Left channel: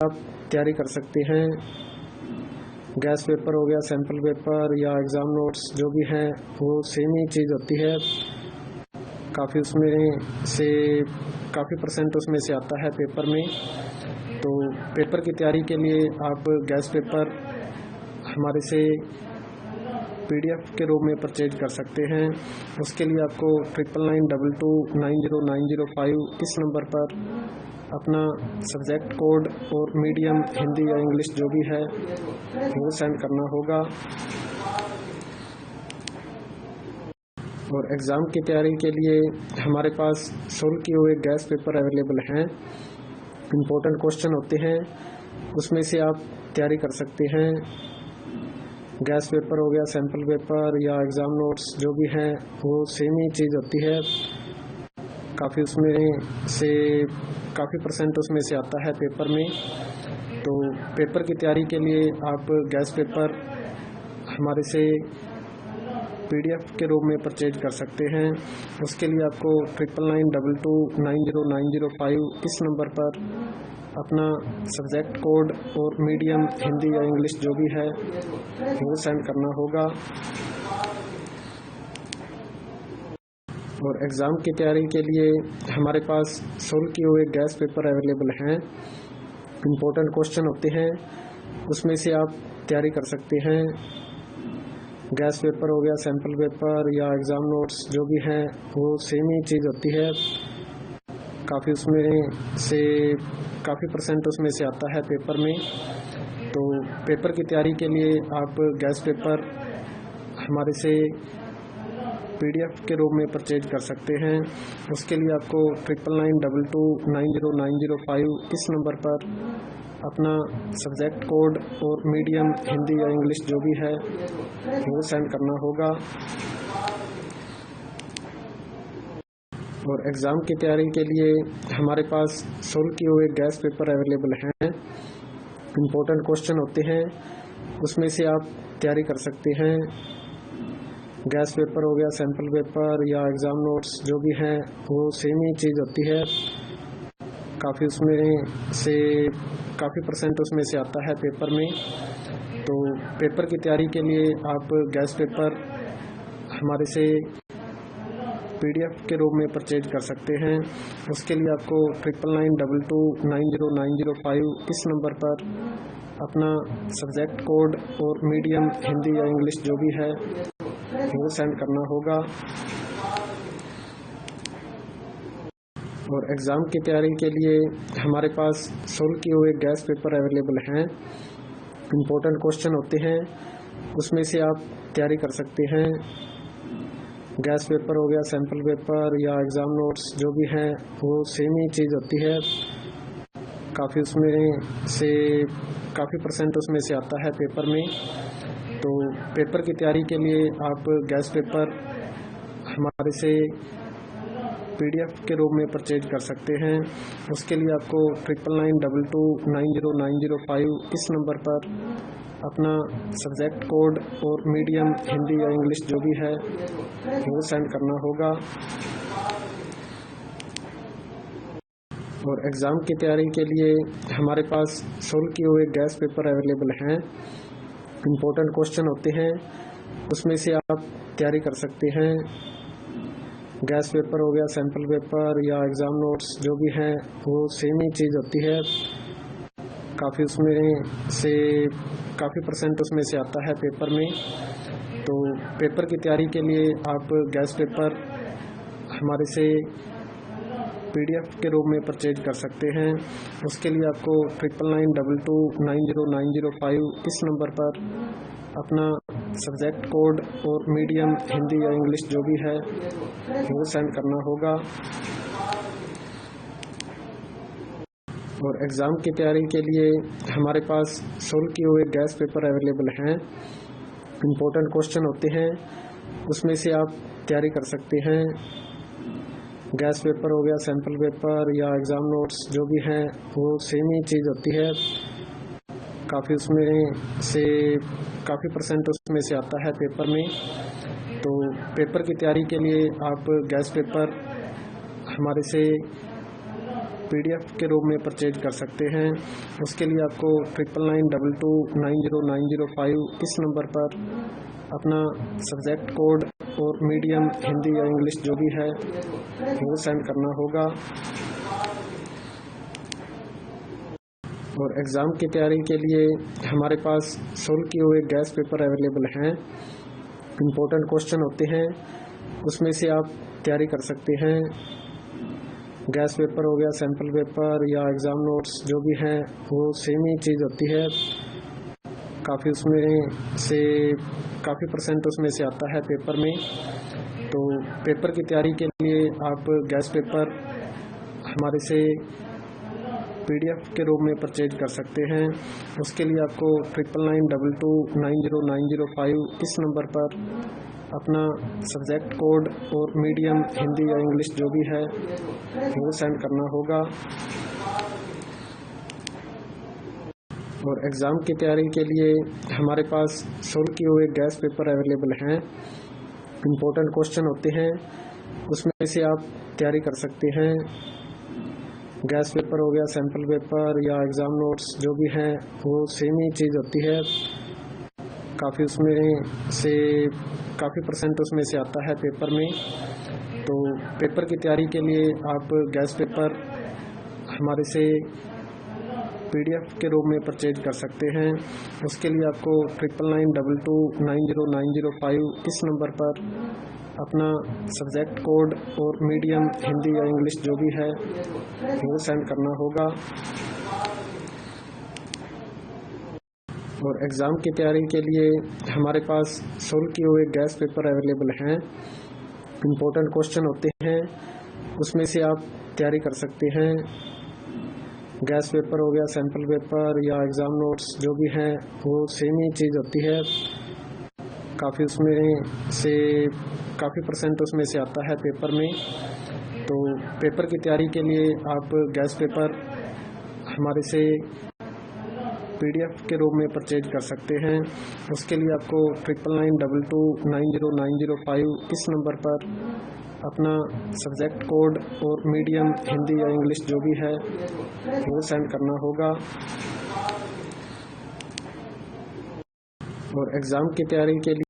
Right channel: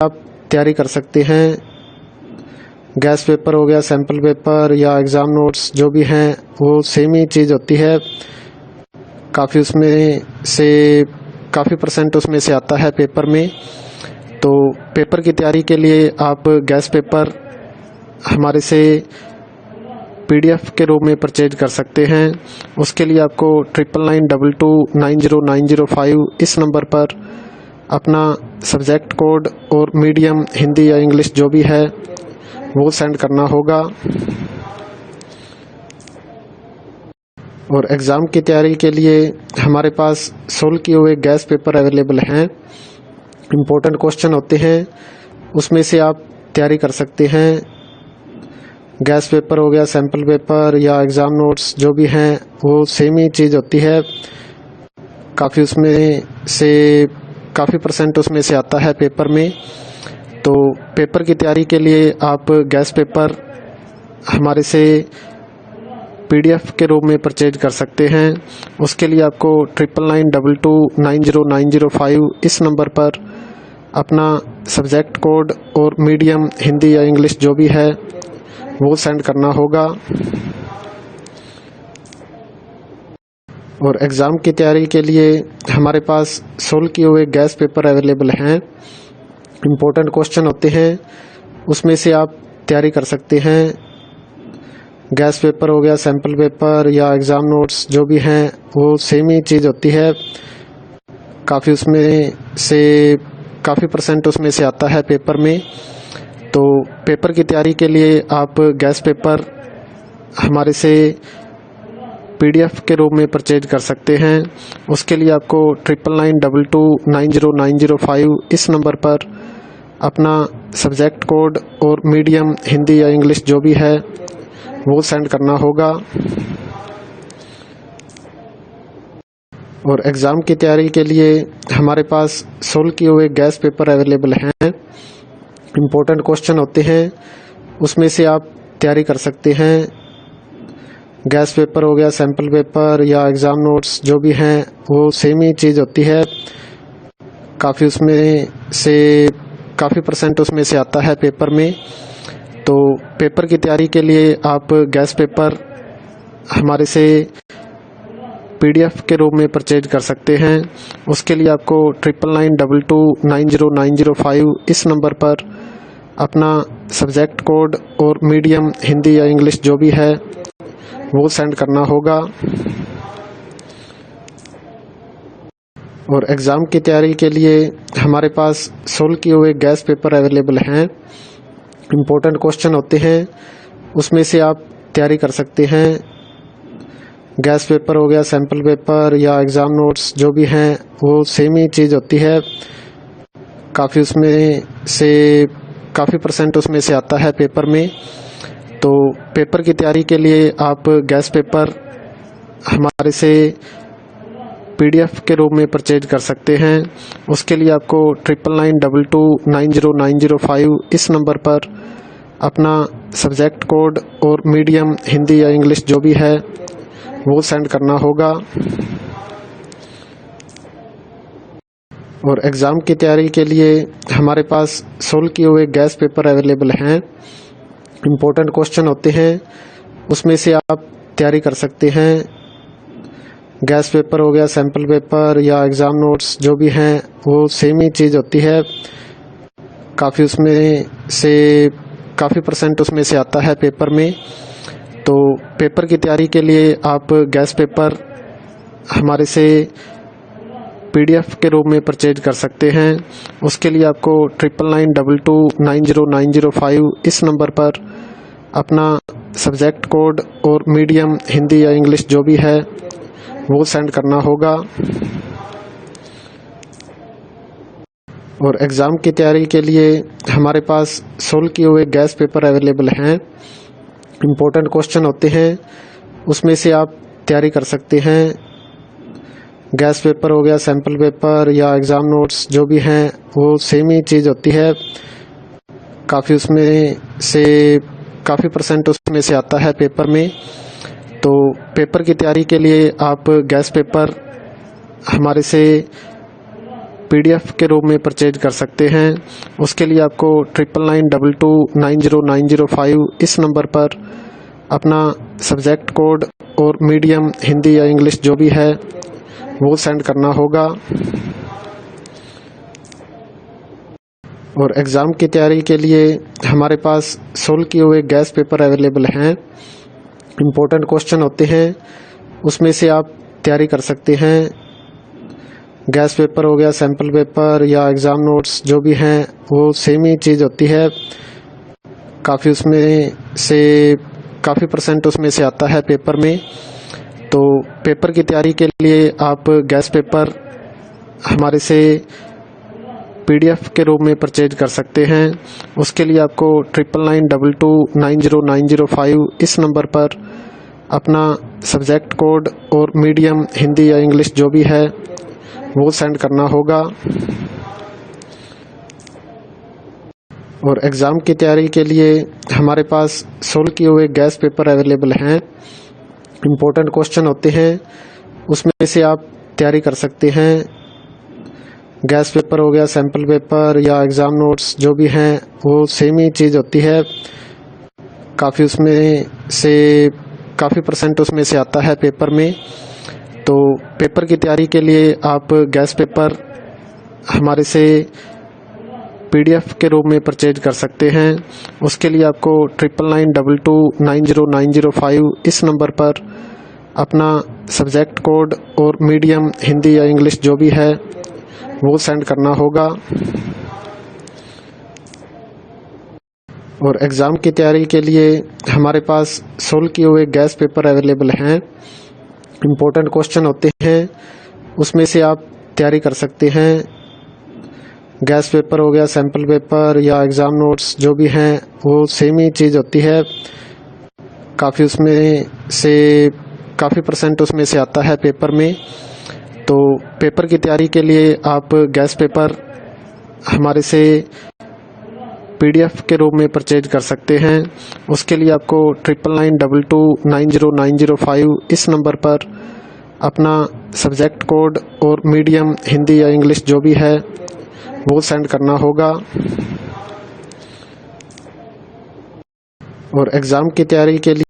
आप तैयारी कर सकते हैं। गैस पेपर हो गया, सैम्पल पेपर या एग्ज़ाम नोट्स जो भी हैं वो सेम ही चीज़ होती है। काफ़ी परसेंट उसमें से आता है पेपर में। तो पेपर की तैयारी के लिए आप गैस पेपर हमारे से PDF के रूप में परचेज कर सकते हैं। उसके लिए आपको 9992290905 इस नंबर पर अपना सब्जेक्ट कोड और मीडियम हिंदी या इंग्लिश जो भी है वो सेंड करना होगा। और एग्ज़ाम की तैयारी के लिए हमारे पास सोल्व किए हुए गैस पेपर अवेलेबल हैं। इम्पोर्टेंट क्वेश्चन होते हैं, उसमें से आप तैयारी कर सकते हैं। गैस पेपर हो गया, सैम्पल पेपर या एग्ज़ाम नोट्स जो भी हैं वो सेम ही चीज़ होती है। काफ़ी परसेंट उसमें से आता है पेपर में। तो पेपर की तैयारी के लिए आप गैस पेपर हमारे से PDF के रूप में परचेज कर सकते हैं। उसके लिए आपको 9992290905 इस नंबर पर अपना सब्जेक्ट कोड और मीडियम हिंदी या इंग्लिश जो भी है वो सेंड करना होगा। और एग्ज़ाम की तैयारी के लिए हमारे पास सोल्व किए हुए गैस पेपर अवेलेबल हैं। इम्पोर्टेंट क्वेश्चन होते हैं, उसमें से आप तैयारी कर सकते हैं। गैस पेपर हो गया, सैम्पल पेपर या एग्ज़ाम नोट्स जो भी हैं वो सेम ही चीज़ होती है। काफ़ी परसेंट उसमें से आता है पेपर में। तो पेपर की तैयारी के लिए आप गैस पेपर हमारे से PDF के रूप में परचेज कर सकते हैं। उसके लिए आपको 9992290905 इस नंबर पर अपना सब्जेक्ट कोड और मीडियम हिंदी या इंग्लिश जो भी है वो सेंड करना होगा। और एग्ज़ाम की तैयारी के लिए हमारे पास सोल्व किए हुए गैस पेपर अवेलेबल हैं। इम्पोर्टेंट क्वेश्चन होते हैं, उसमें से आप तैयारी कर सकते हैं। गैस पेपर हो गया, सैम्पल पेपर या एग्ज़ाम नोट्स जो भी हैं वो सेम ही चीज़ होती है। काफ़ी परसेंट उसमें से आता है पेपर में। तो पेपर की तैयारी के लिए आप गैस पेपर हमारे से PDF के रूप में परचेज कर सकते हैं। उसके लिए आपको 9992290905 इस नंबर पर अपना सब्जेक्ट कोड और मीडियम हिंदी या इंग्लिश जो भी है वो सेंड करना होगा। और एग्ज़ाम की तैयारी के लिए हमारे पास सोल्व किए हुए गैस पेपर अवेलेबल हैं। इम्पोर्टेंट क्वेश्चन होते हैं, उसमें से आप तैयारी कर सकते हैं। गैस पेपर हो गया, सैम्पल पेपर या एग्ज़ाम नोट्स जो भी हैं वो सेम ही चीज़ होती है। काफ़ी परसेंट उसमें से आता है पेपर में। तो पेपर की तैयारी के लिए आप गैस पेपर हमारे से PDF के रूप में परचेज कर सकते हैं। उसके लिए आपको 9992290905 इस नंबर पर अपना सब्जेक्ट कोड और मीडियम हिंदी या इंग्लिश जो भी है वो सेंड करना होगा। और एग्ज़ाम की तैयारी के लिए हमारे पास सोल्व किए हुए गैस पेपर अवेलेबल हैं। इम्पोर्टेंट क्वेश्चन होते हैं, उसमें से आप तैयारी कर सकते हैं। गैस पेपर हो गया, सैम्पल पेपर या एग्ज़ाम नोट्स जो भी हैं वो सेम ही चीज़ होती है। काफ़ी परसेंट उसमें से आता है पेपर में। तो पेपर की तैयारी के लिए आप गैस पेपर हमारे से PDF के रूप में परचेज कर सकते हैं। उसके लिए आपको 9992290905 इस नंबर पर अपना सब्जेक्ट कोड और मीडियम हिंदी या इंग्लिश जो भी है वो सेंड करना होगा। और एग्ज़ाम की तैयारी के लिए हमारे पास सोल्व किए हुए गैस पेपर अवेलेबल हैं। इम्पोर्टेंट क्वेश्चन होते हैं, उसमें से आप तैयारी कर सकते हैं। गैस पेपर हो गया, सैम्पल पेपर या एग्ज़ाम नोट्स जो भी हैं वो सेम ही चीज़ होती है। काफ़ी परसेंट उसमें से आता है पेपर में। तो पेपर की तैयारी के लिए आप गैस पेपर हमारे से PDF के रूप में परचेज कर सकते हैं। उसके लिए आपको 9992290905 इस नंबर पर अपना सब्जेक्ट कोड और मीडियम हिंदी या इंग्लिश जो भी है वो सेंड करना होगा। और एग्ज़ाम की तैयारी के लिए हमारे पास सोल्व किए हुए गैस पेपर अवेलेबल हैं। इम्पोर्टेंट क्वेश्चन होते हैं, उसमें से आप तैयारी कर सकते हैं। गैस पेपर हो गया, सैम्पल पेपर या एग्ज़ाम नोट्स जो भी हैं वो सेम ही चीज़ होती है। काफ़ी परसेंट उसमें से आता है पेपर में। तो पेपर की तैयारी के लिए आप गैस पेपर हमारे से PDF के रूप में परचेज कर सकते हैं। उसके लिए आपको 9992290905 इस नंबर पर अपना सब्जेक्ट कोड और मीडियम हिंदी या इंग्लिश जो भी है वो सेंड करना होगा। और एग्ज़ाम की तैयारी के लिए हमारे पास सोल्व किए हुए गैस पेपर अवेलेबल हैं। इम्पोर्टेंट क्वेश्चन होते हैं, उसमें से आप तैयारी कर सकते हैं। गैस पेपर हो गया, सैम्पल पेपर या एग्ज़ाम नोट्स जो भी हैं वो सेम ही चीज़ होती है। काफ़ी परसेंट उसमें से आता है पेपर में। तो पेपर की तैयारी के लिए आप गैस पेपर हमारे से PDF के रूप में परचेज कर सकते हैं। उसके लिए आपको 9992290905 इस नंबर पर अपना सब्जेक्ट कोड और मीडियम हिंदी या इंग्लिश जो भी है वो सेंड करना होगा। और एग्ज़ाम की तैयारी के लिए हमारे पास सोल्व किए हुए गैस पेपर अवेलेबल हैं। इम्पोर्टेंट क्वेश्चन होते हैं, उसमें से आप तैयारी कर सकते हैं। गैस पेपर हो गया, सैम्पल पेपर या एग्ज़ाम नोट्स जो भी हैं वो सेम ही चीज़ होती है। काफ़ी परसेंट उसमें से आता है पेपर में। तो पेपर की तैयारी के लिए आप गैस पेपर हमारे से PDF के रूप में परचेज कर सकते हैं। उसके लिए आपको 9992290905 इस नंबर पर अपना सब्जेक्ट कोड और मीडियम हिंदी या इंग्लिश जो भी है वो सेंड करना होगा। और एग्ज़ाम की तैयारी के लिए